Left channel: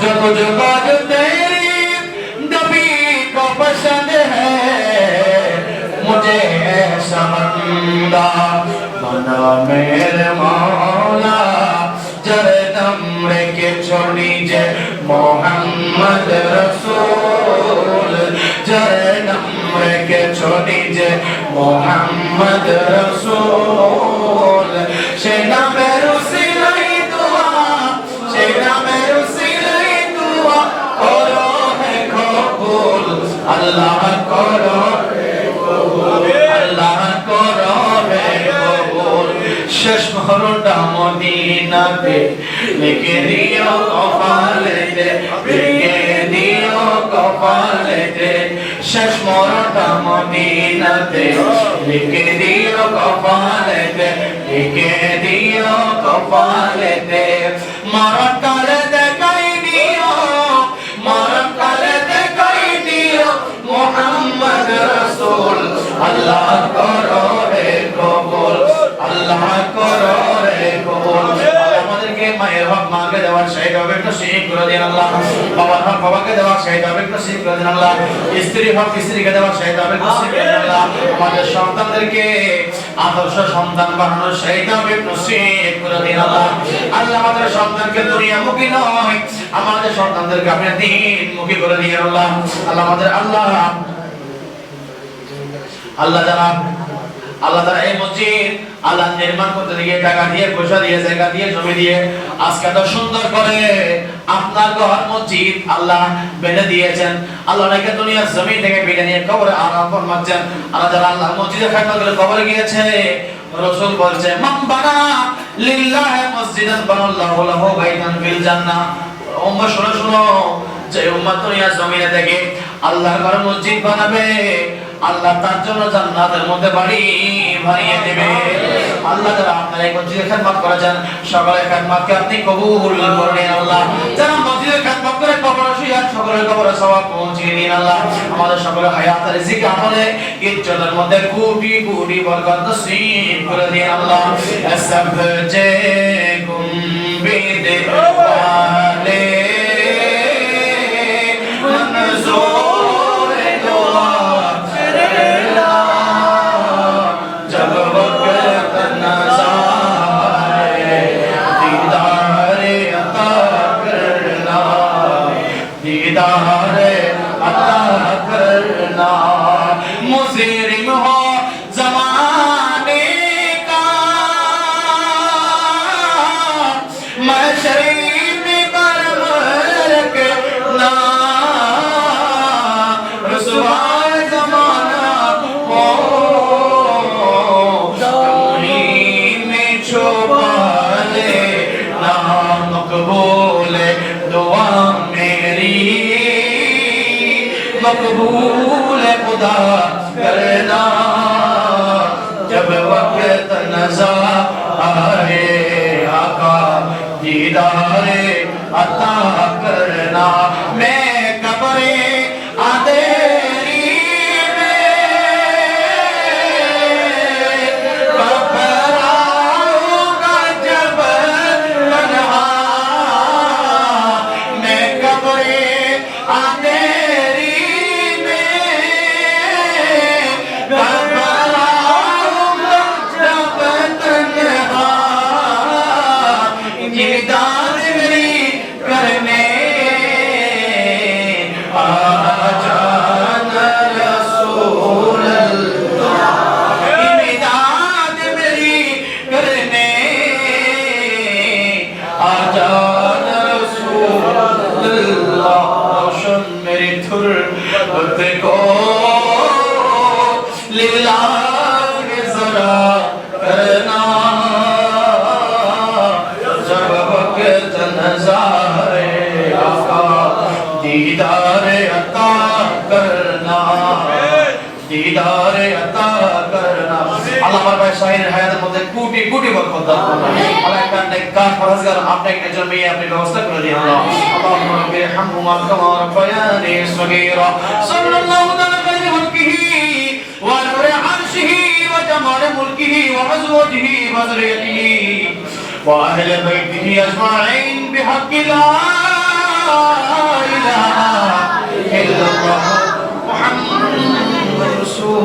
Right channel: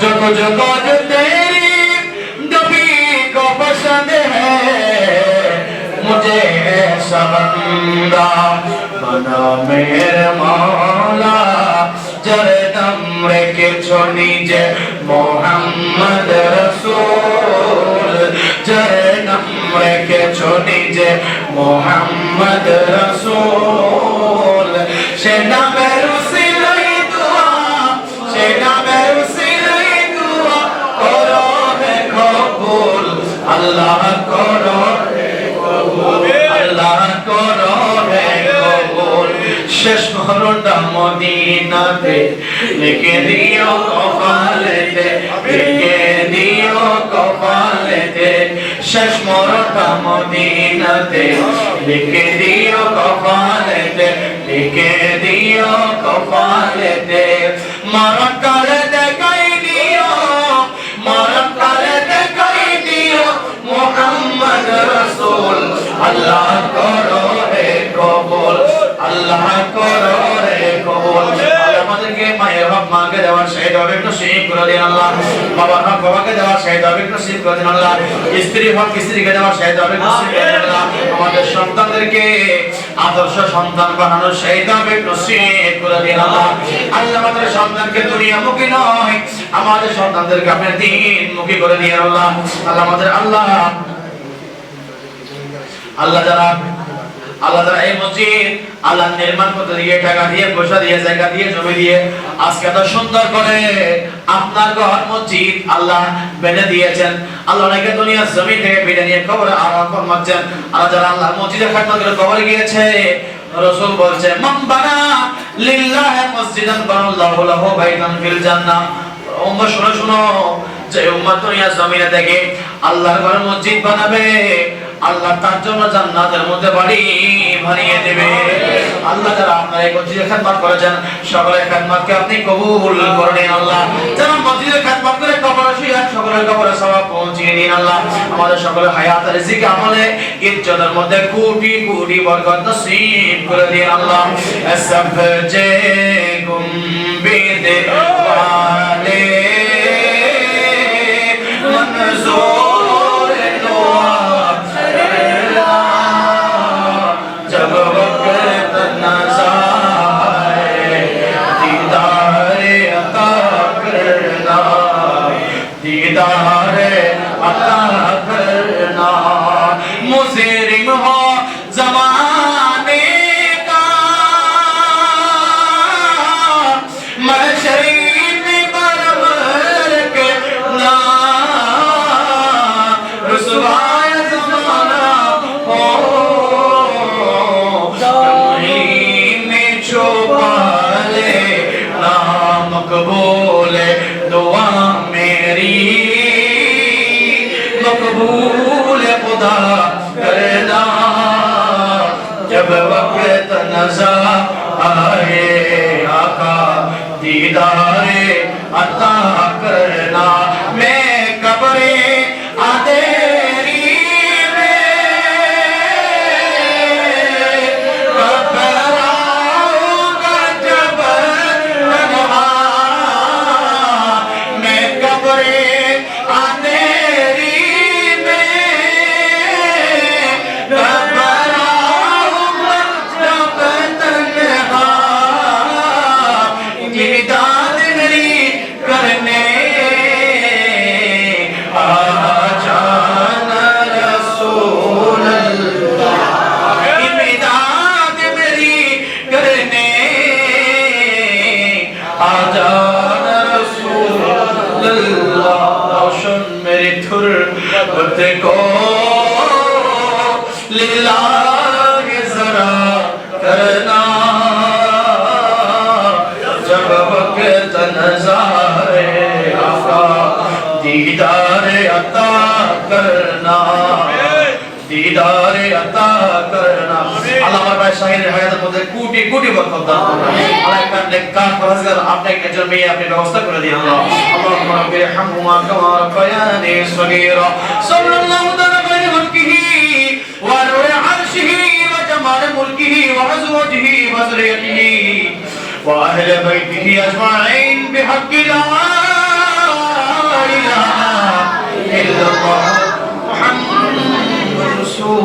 जो तुझको जो तेरी नबी को पसंद है मुझे ऐसा बंदा बना मेरे मौला जरे दम রেখে নিজে মোহাম্মদ রাসূল জরে নাম রেখে নিজে মোহাম্মদ রাসূল সে নামের উসিলাই দোয়া সে নামের উসিলাই দোয়া করো হে কবুল আল্লাহ করো হে কবুল আল্লাহ করো হে কবুল শেষ মরণটা মদিনাতে লিখে দিও কপালেতে লিখে দিও কপালেতে শেষ মরণটা মদিনাতে লিখে দিও কপালেতে লিখে দিও কপালেতে মরণকালে দেখাই দিও মরণকালে দেখাই দিও মুহাম্মদ রাসূল আল্লাহ করো হে কবুল আল্লাহ করো রে কবুল আমাদেরকে মায়ের হক মাকে দেওয়ার শহীদ হবে নসিব করে দিন আল্লাহ বাবার হক বাবাকে দেওয়ার শহীদ হবে নসিব করে দিন আল্লাহ স্ত্রীর হক স্ত্রীকে দেওয়ার শহীদ হবে নসিব করে দিন আল্লাহ আমাদের সন্তানদেরকে আদর্শ সন্তান বানানোর শহীদ হবে নসিব করে দিন আল্লাহ আল্লাহ আমাদের সন্তানকে দুনিয়ামুখী নয় আমাদের সন্তানদেরকে আপনি দ্বীনমুখী করে দিন আল্লাহ আল্লাহ আমাদের আল্লাহ যারা আল্লাহ তাআলা এই মসজিদ আল্লাহ নির্মাণ করতে দিয়ে টাকা দিয়ে পয়সা দিয়ে জায়গা দিয়ে জমি দিয়ে আজকে এত সুন্দর করে আপনার ঘর মসজিদ আল্লাহ বেঁধে দিয়েছেন আল্লাহ নাকি দুনিয়ার জমি থেকে বেঁধে নিয়ে কবরে আরাম ফরমাচ্ছেন আল্লাহ যারা আল্লাহ মসজিদে খেদমত করে কবরে গিয়েছে রাসূল বলছে মান বানা লিল্লাহি মসজিদান বানাল্লাহু লাহু বাইতান ফিল জান্নাহ উম্মাহ শুনো শুনো যে উম্মাহ দুনিয়ার জমিনে থেকে আল্লাহর ঘর মসজিদ বানাবে আল্লাহ তার জন্য জান্নাতের মধ্যে বাড়ি বানিয়ে দেবে আল্লাহ যারা আপনারা এই মসজিদে খেদমত করেছেন সকলের খেদমতকে আপনি কবুল করে নিন আল্লাহ যারা মসজিদে খেদমত করে কবরে শুয়ে সকলের কবরে সওয়াব পৌঁছিয়ে দিন আল্লাহ আমাদের সকলের হায়াত রিজিক আমলে ইজ্জতের মধ্যে কোটি কোটি বরকত নসিব করে দিন আল্লাহ সব যে গুম্বিদ ওয়ালে মনজুর দোয়া दीदारे अता करना मुजरिम हो ज़माने का मैं शरीफ परवर के ना रुसवाए ज़माना हो में छुपा ले ना मकबूल दुआ मेरी मकबूल खुदा करना जब वक्त नज़र आए आका दीदारे अता करना मैं कब्रे अंधेरी में कब आऊंगा जब तन्हा मैं कब्रे अंधेरी को लिल्लाह जरा करना जब वक्त नज़ारे आका दीदारे अता करना दीदारे अता करना আল্লাহ আমার ভাই শাহিনের হায়াতের মধ্যে কোটি কোটি বরকত দান করুন আল্লাহ একটা নেককার ফরজগার আপনি একজন মেয়ে আপনি ব্যবস্থা করে দিন আল্লাহ আল্লাহুম্মা রাব্বি রহমহুমা কামা রাব্বায়ানি সগীরা সাল্লাল্লাহু তাআলা আলাইহি মুলকিহি ওয়া নূরি আরশিহি ওয়া জামাল মুলকিহি ওয়া আজওয়াজিহি ওয়া যুররিয়্যতিহি ওয়া আহলি বাইতিহি আজমাইন বিহাক্কি লা الله محمد رسول